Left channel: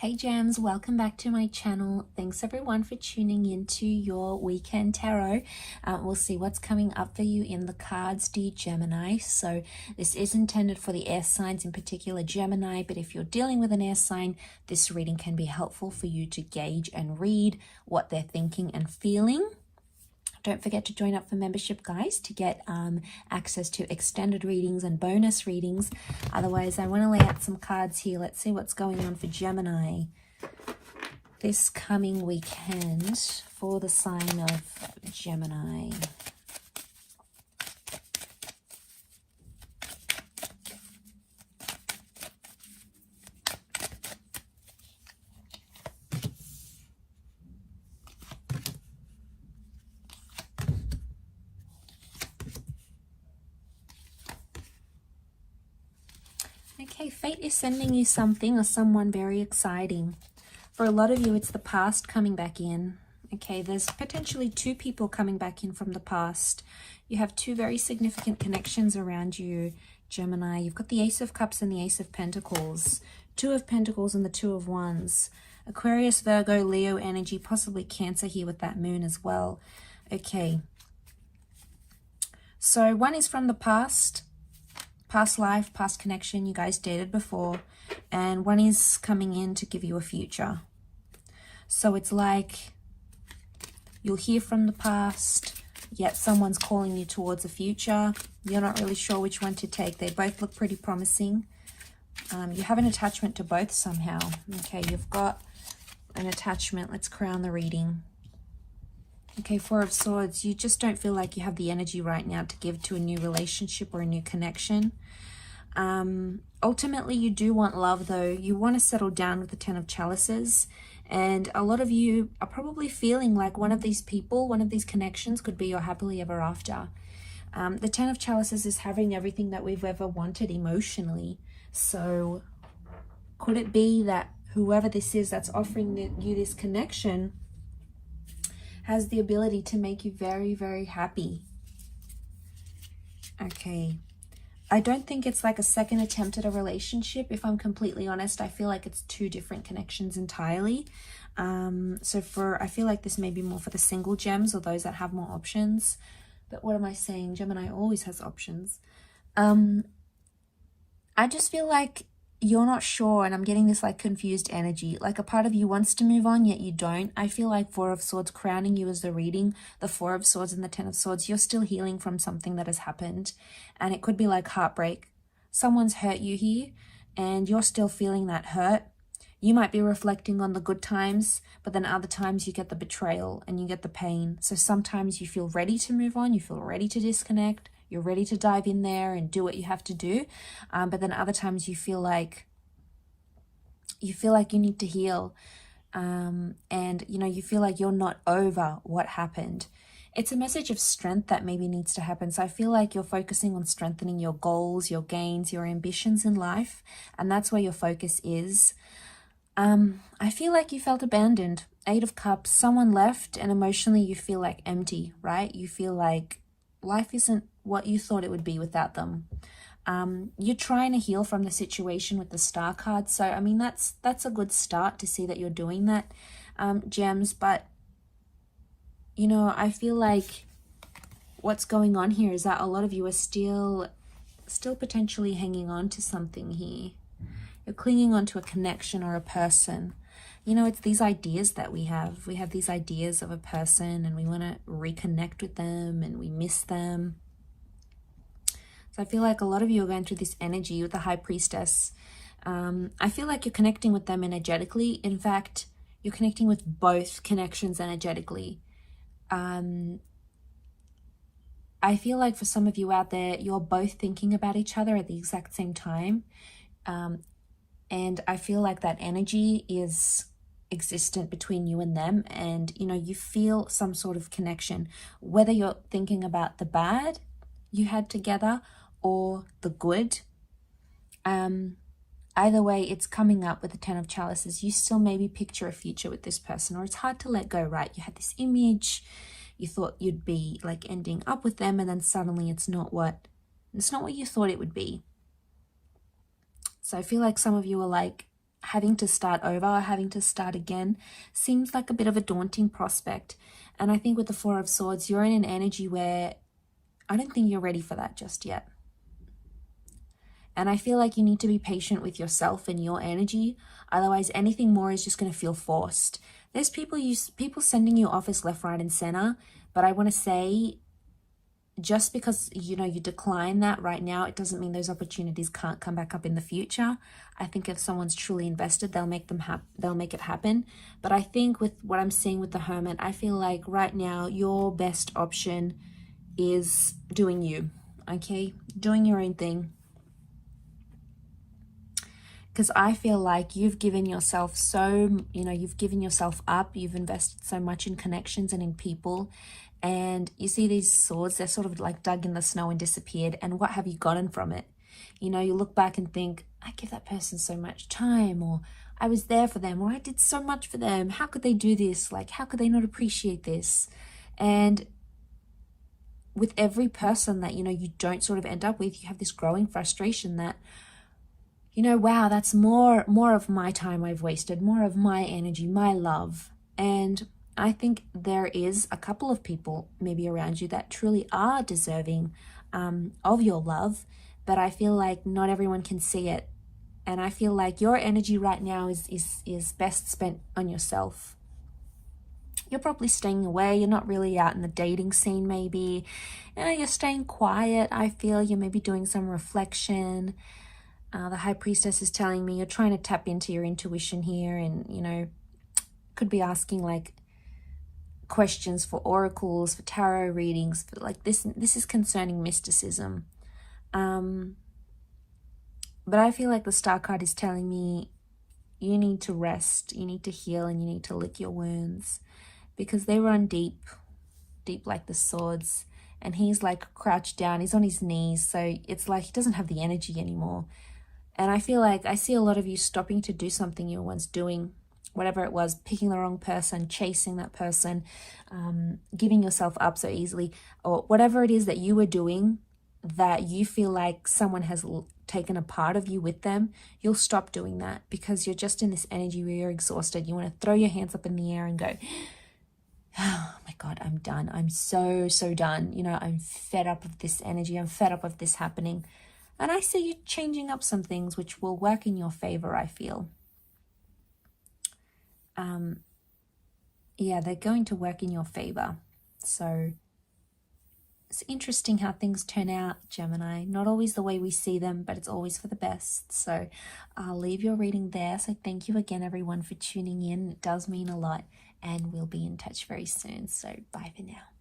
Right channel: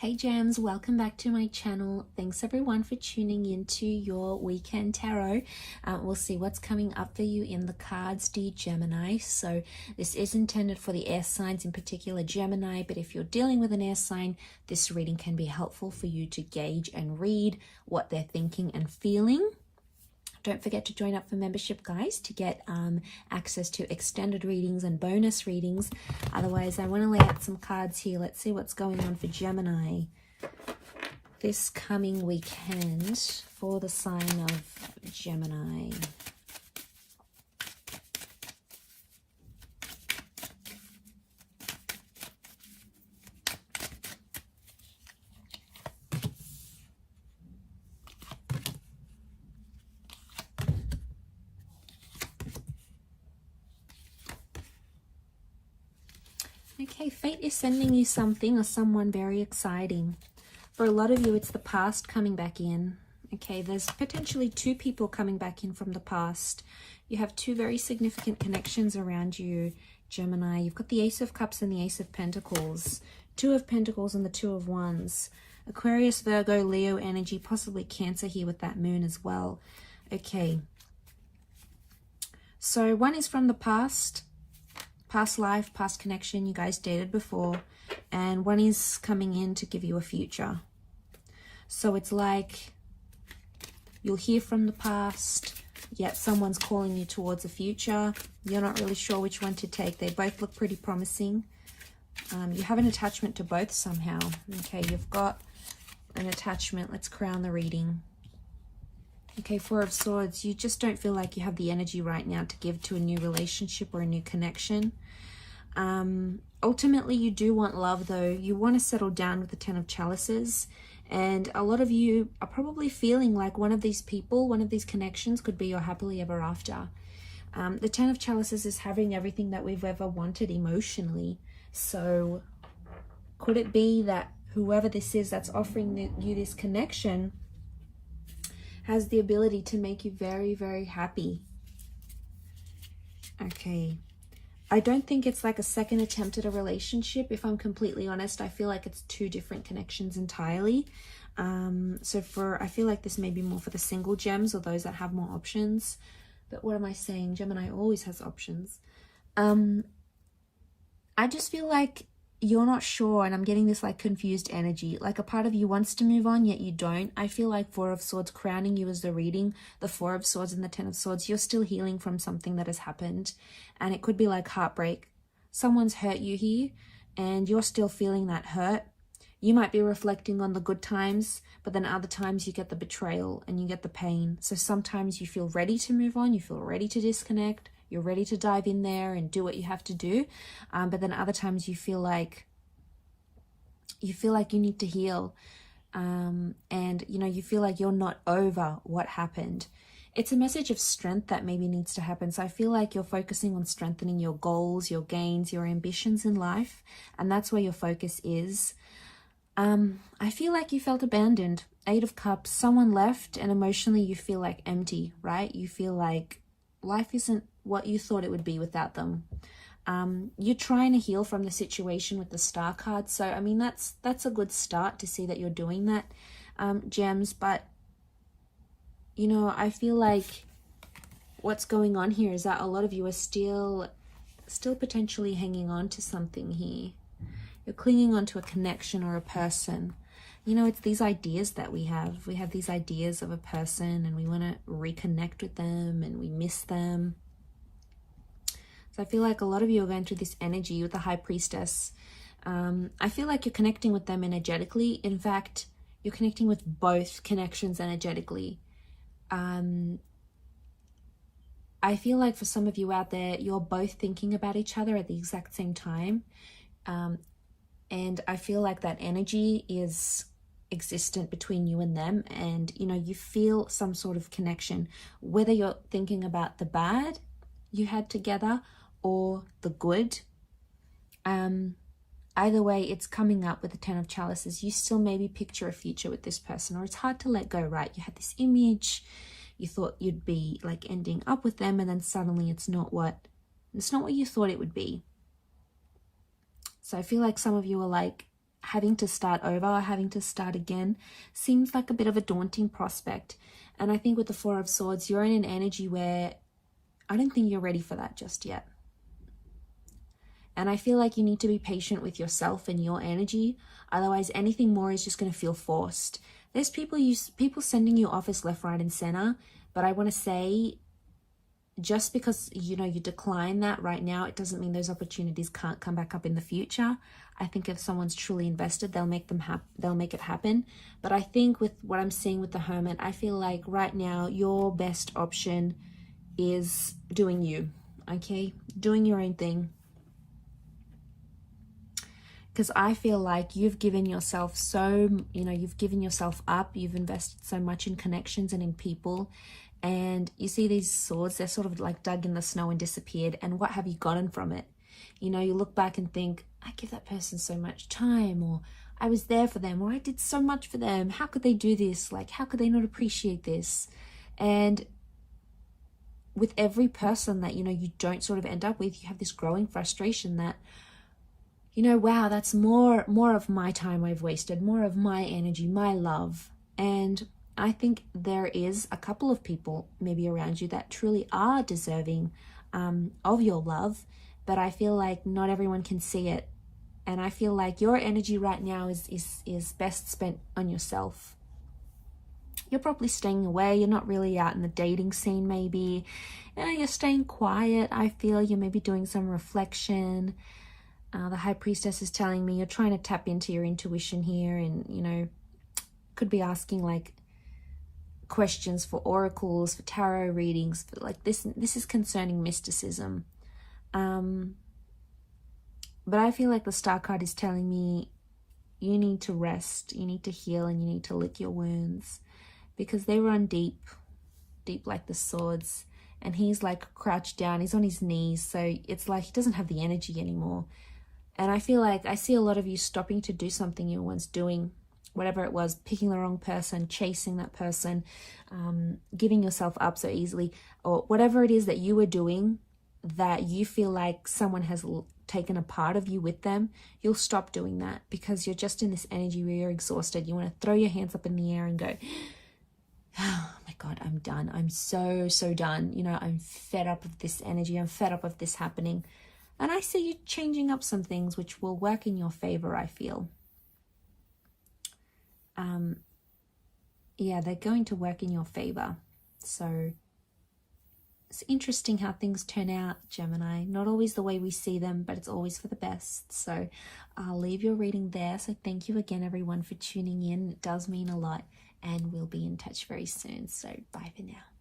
Hey Gems, welcome back to my channel. Thanks everyone for tuning into your weekend tarot. We'll see what's coming up for you in the cards, dear Gemini. So this is intended for the air signs, in particular Gemini, but if you're dealing with an air sign, this reading can be helpful for you to gauge and read what they're thinking and feeling. Don't forget to join up for membership, guys, to get access to extended readings and bonus readings. Otherwise, I want to lay out some cards here. Let's see what's going on for Gemini this coming weekend for the sign of Gemini. Okay, fate is sending you something or someone very exciting. For a lot of you, it's the past coming back in. Okay, there's potentially two people coming back in from the past. You have two very significant connections around you, Gemini. You've got the Ace of Cups and the Ace of Pentacles. Two of Pentacles and the Two of Wands. Aquarius, Virgo, Leo energy, possibly Cancer here with that moon as well. Okay. So one is from the past life, past connection, you guys dated before, and one is coming in to give you a future. So it's like you'll hear from the past, yet someone's calling you towards a future. You're not really sure which one to take. They both look pretty promising. You have an attachment to both somehow. Okay, you've got an attachment. Let's crown the reading. Okay, Four of Swords, you just don't feel like you have the energy right now to give to a new relationship or a new connection. Ultimately, you do want love, though. You want to settle down with the Ten of Chalices. And a lot of you are probably feeling like one of these people, one of these connections could be your happily ever after. The Ten of Chalices is having everything that we've ever wanted emotionally. So could it be that whoever this is that's offering you this connection has the ability to make you very, very happy? Okay. I don't think it's like a second attempt at a relationship. If I'm completely honest, I feel like it's two different connections entirely. I feel like this may be more for the single gems or those that have more options. But what am I saying? Gemini always has options. I just feel like you're not sure, and I'm getting this like confused energy. Like a part of you wants to move on, yet you don't. I feel like Four of Swords crowning you as the reading, the Four of Swords and the Ten of Swords. You're still healing from something that has happened, and it could be like heartbreak. Someone's hurt you here, and you're still feeling that hurt. You might be reflecting on the good times, but then other times you get the betrayal and you get the pain. So sometimes you feel ready to move on, you feel ready to disconnect, you're ready to dive in there and do what you have to do. But then other times you feel like you need to heal. And, you feel like you're not over what happened. It's a message of strength that maybe needs to happen. So I feel like you're focusing on strengthening your goals, your gains, your ambitions in life. And that's where your focus is. I feel like you felt abandoned. Eight of Cups, someone left, and emotionally you feel like empty, right? You feel like life isn't what you thought it would be without them. You're trying to heal from the situation with the Star card. So, I mean, that's a good start to see that you're doing that, Gems. But, I feel like what's going on here is that a lot of you are still potentially hanging on to something here. You're clinging on to a connection or a person. It's these ideas that we have. We have these ideas of a person and we want to reconnect with them and we miss them. So I feel like a lot of you are going through this energy with the High Priestess. I feel like you're connecting with them energetically. In fact, you're connecting with both connections energetically. I feel like for some of you out there, you're both thinking about each other at the exact same time. And I feel like that energy is existent between you and them, and you feel some sort of connection, whether you're thinking about the bad you had together or the good. Either way, it's coming up with the Ten of Chalices. You still maybe picture a future with this person, or it's hard to let go, right? You had this image, you thought you'd be like ending up with them, and then suddenly it's not what you thought it would be. So I feel like some of you are like having to start over or having to start again seems like a bit of a daunting prospect. And I think with the Four of Swords, you're in an energy where I don't think you're ready for that just yet. And I feel like you need to be patient with yourself and your energy. Otherwise, anything more is just going to feel forced. There's people sending you offers left, right, and center. But I want to say, just because, you know, you decline that right now, it doesn't mean those opportunities can't come back up in the future. I think if someone's truly invested, they'll make it happen. But I think with what I'm seeing with the Hermit, I feel like right now your best option is doing you, okay? Doing your own thing. Because I feel like you've given yourself you've given yourself up. You've invested so much in connections and in people. And you see these swords, they're sort of like dug in the snow and disappeared. And what have you gotten from it? You know, you look back and think, I give that person so much time, or I was there for them, or I did so much for them. How could they do this? Like, how could they not appreciate this? And with every person that, you know, you don't sort of end up with, you have this growing frustration that, you know, wow, that's more of my time I've wasted, more of my energy, my love. And I think there is a couple of people maybe around you that truly are deserving of your love, but I feel like not everyone can see it. And I feel like your energy right now is best spent on yourself. You're probably staying away. You're not really out in the dating scene maybe. You know, you're staying quiet. I feel you're maybe doing some reflection. The High Priestess is telling me you're trying to tap into your intuition here, and, you know, could be asking like questions for oracles, for tarot readings, for like this is concerning mysticism. But I feel like the Star card is telling me you need to rest, you need to heal, and you need to lick your wounds, because they run deep like the swords. And he's like crouched down, he's on his knees, so it's like he doesn't have the energy anymore. And I feel like I see a lot of you stopping to do something you were once doing, whatever it was, picking the wrong person, chasing that person, giving yourself up so easily, or whatever it is that you were doing that you feel like someone has taken a part of you with them. You'll stop doing that because you're just in this energy where you're exhausted. You want to throw your hands up in the air and go, oh my God, I'm done. I'm so done. You know, I'm fed up of this energy. I'm fed up of this happening. And I see you changing up some things which will work in your favor, I feel. Yeah, they're going to work in your favor. So it's interesting how things turn out, Gemini. Not always the way we see them, but it's always for the best. So I'll leave your reading there. So thank you again, everyone, for tuning in. It does mean a lot. And we'll be in touch very soon. So bye for now.